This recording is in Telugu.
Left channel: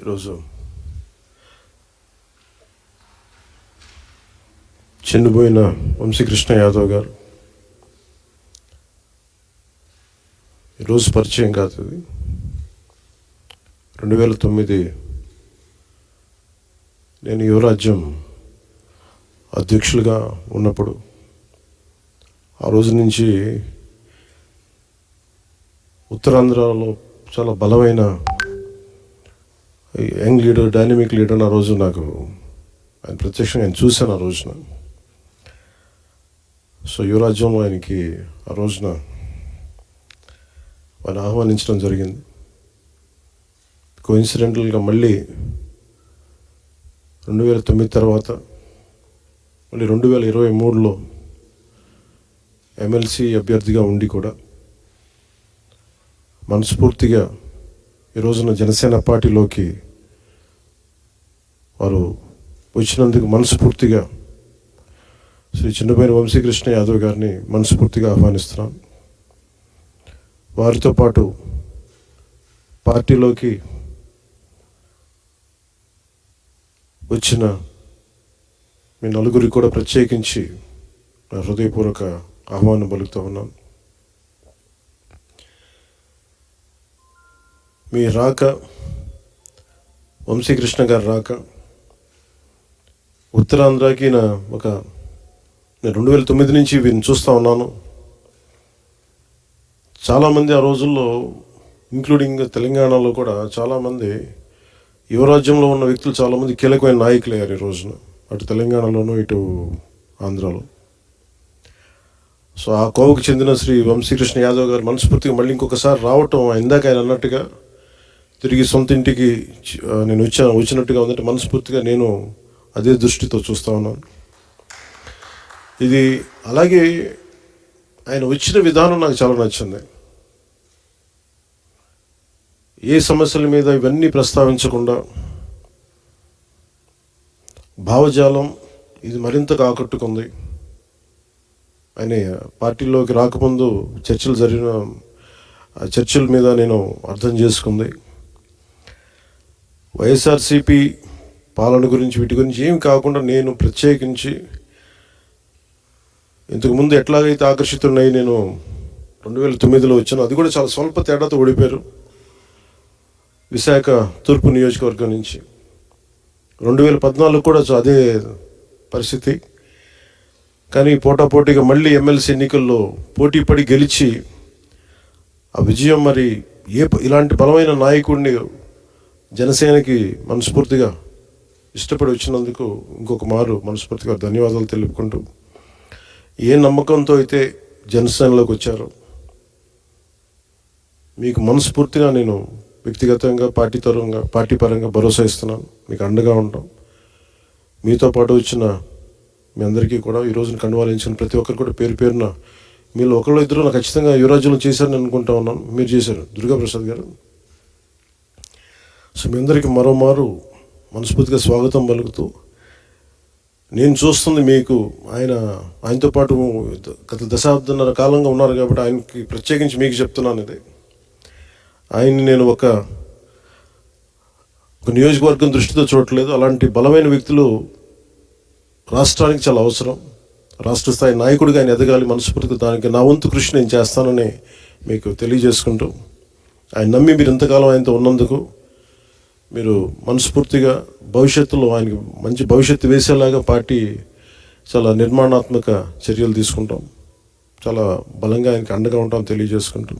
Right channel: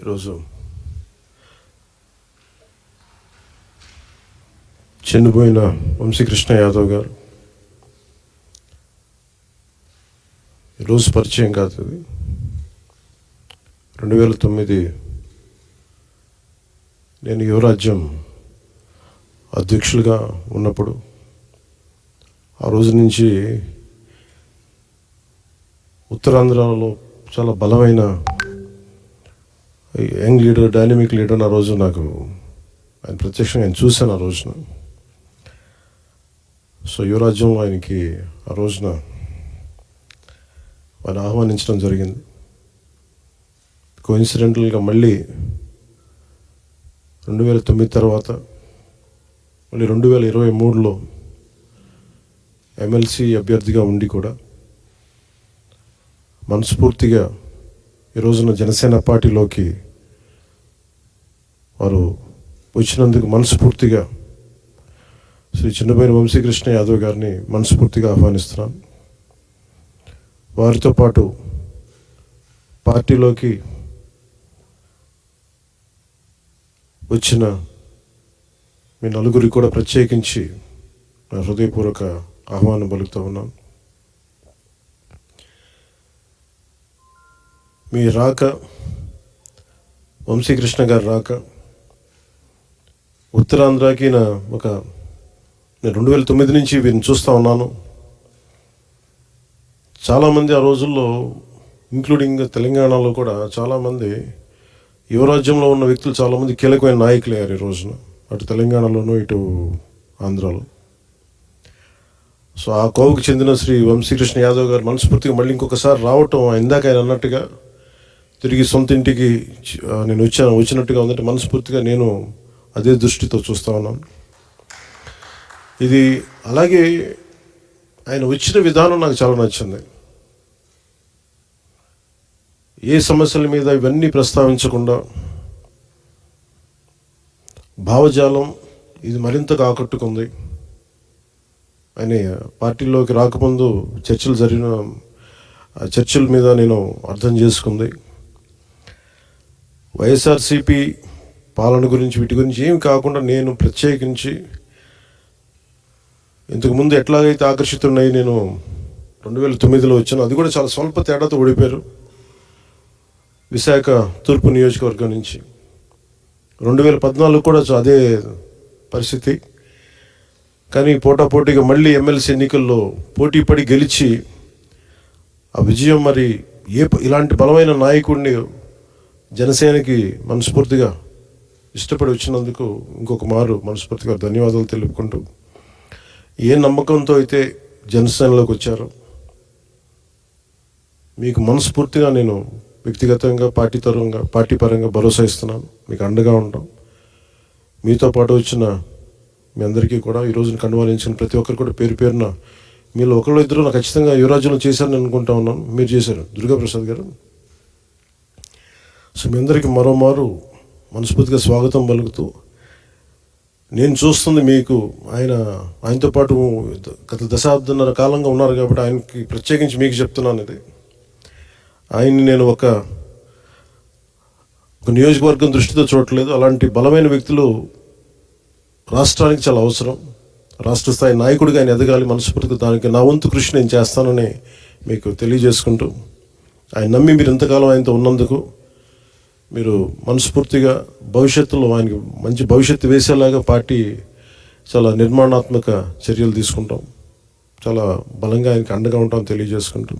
ఈరోజు చనిపోయిన వంశీకృష్ణ యాదవ్ గారు ఈరోజు పరిచయం కాదు. ఇది 2009 నేను యువరాజ్యం అధ్యక్షులుగా ఉన్నప్పుడు ఆ రోజు నుంచి ఉత్తరాంధ్రలో చాలా బలమైన యంగ్ లీడర్, డైనమిక్ లీడర్. ఆ రోజు నాకు ఆయన ప్రత్యక్షంగా ఆయన చూశాను ఆ రోజున. సో యువరాజ్యంలో ఆయనకి ఆ రోజున ఆయన ఆహ్వానించడం జరిగింది. కోఇన్సిడెంటల్గా మళ్ళీ 2009 తర్వాత మళ్ళీ 2023లో ఎమ్మెల్సీ అభ్యర్థిగా ఉండి కూడా మనస్ఫూర్తిగా ఈ రోజున జనసేన పార్టీలోకి వారు వచ్చినందుకు మనస్ఫూర్తిగా శ్రీ చిన్నబోయిన వంశీకృష్ణ యాదవ్ గారిని మనస్ఫూర్తిగా ఆహ్వానిస్తున్నాను. వారితో పాటు పార్టీలోకి వచ్చిన మీ నలుగురికి కూడా ప్రత్యేకించి నా హృదయపూర్వక ఆహ్వానం పలుకుతూ ఉన్నాను. మీ రాక, వంశీకృష్ణ గారి రాక ఉత్తరాంధ్రకి నేను 2009 నుంచి వీరిని చూస్తూ ఉన్నాను. చాలామంది ఆ రోజుల్లో, ఇంక్లూడింగ్ తెలంగాణలో కూడా చాలామంది యువరాజ్యంలో ఉన్న వ్యక్తులు చాలామంది కీలకమైన నాయకులు అయ్యారు ఈ రోజున, అటు తెలంగాణలోనూ ఇటు ఆంధ్రాలో. సో ఆ కోవకు చెందిన శ్రీ వంశీకృష్ణ యాదవ్ గారు మనస్ఫూర్తిగా మళ్ళీ ఇంకొకసారి రావటం, ఇందాక ఆయన అన్నట్టుగా తిరిగి సొంత ఇంటికి నేను వచ్చినట్టుగా ఉందంటే మనస్ఫూర్తిగా నేను అదే దృష్టితో చూస్తూ ఉన్నాను. ఇది అలాగే ఆయన వచ్చిన విధానం నాకు చాలా నచ్చింది. ఏ సమస్యల మీద ఇవన్నీ ప్రస్తావించకుండా భావజాలం ఇది మరింతగా ఆకట్టుకుంది. ఆయన పార్టీలోకి రాకముందు చర్చల మీద నేను అర్థం చేసుకుంది. వైఎస్ఆర్సీపీ పాలన గురించి, వీటి గురించి ఏమి కాకుండా నేను ప్రత్యేకించి ఇంతకుముందు ఎట్లాగైతే ఆకర్షితున్నాయి, నేను 2009లో వచ్చాను. అది కూడా చాలా స్వల్ప తేడాతో ఓడిపోయారు విశాఖ తూర్పు నియోజకవర్గం నుంచి. 2014 కూడా అదే పరిస్థితి. కానీ పోటాపోటీగా మళ్ళీ ఎమ్మెల్సీ ఎన్నికల్లో పోటీ పడి గెలిచి ఆ విజయం, మరి ఇలాంటి బలమైన నాయకుడిని జనసేనకి మనస్ఫూర్తిగా ఇష్టపడి వచ్చినందుకు ఇంకొక మారు మనస్ఫూర్తిగా ధన్యవాదాలు తెలుపుకుంటూ, ఏ నమ్మకంతో అయితే జనసేనలోకి వచ్చారో మీకు మనస్ఫూర్తిగా నేను వ్యక్తిగతంగా, పార్టీ పరంగా భరోసా ఇస్తున్నాను. మీకు అండగా ఉంటాం. మీతో పాటు వచ్చిన మీ అందరికీ కూడా, ఈ రోజున కండువాలించిన ప్రతి ఒక్కరు కూడా పేరు పేరున, మీరు ఒకళ్ళు ఇద్దరు నాకు ఖచ్చితంగా యువరాజ్యంలో చేశారని అనుకుంటా ఉన్నాను. మీరు చేశారు, దుర్గాప్రసాద్ గారు. సో మీ అందరికీ మరోమారు మనస్ఫూర్తిగా స్వాగతం పలుకుతూ, నేను చూస్తుంది మీకు ఆయనతో పాటు గత దశాబ్దన్నర కాలంగా ఉన్నారు కాబట్టి ఆయనకి ప్రత్యేకించి మీకు చెప్తున్నాను. ఇది ఆయన్ని నేను ఒక నియోజకవర్గం దృష్టితో చూడట్లేదు. అలాంటి బలమైన వ్యక్తులు రాష్ట్రానికి చాలా అవసరం. రాష్ట్ర స్థాయి నాయకుడిగా ఆయన ఎదగాలి. మనస్ఫూర్తిగా దానికి నా వంతు కృషి నేను చేస్తానని మీకు తెలియజేసుకుంటూ, ఆయన నమ్మి మీరు ఇంతకాలం ఆయనతో ఉన్నందుకు మీరు మనస్ఫూర్తిగా భవిష్యత్తులో ఆయనకి మంచి భవిష్యత్తు వేసేలాగా పార్టీ చాలా నిర్మాణాత్మక చర్యలు తీసుకుంటాం. చాలా బలంగా ఆయనకి అండగా ఉంటాం తెలియజేసుకుంటాం.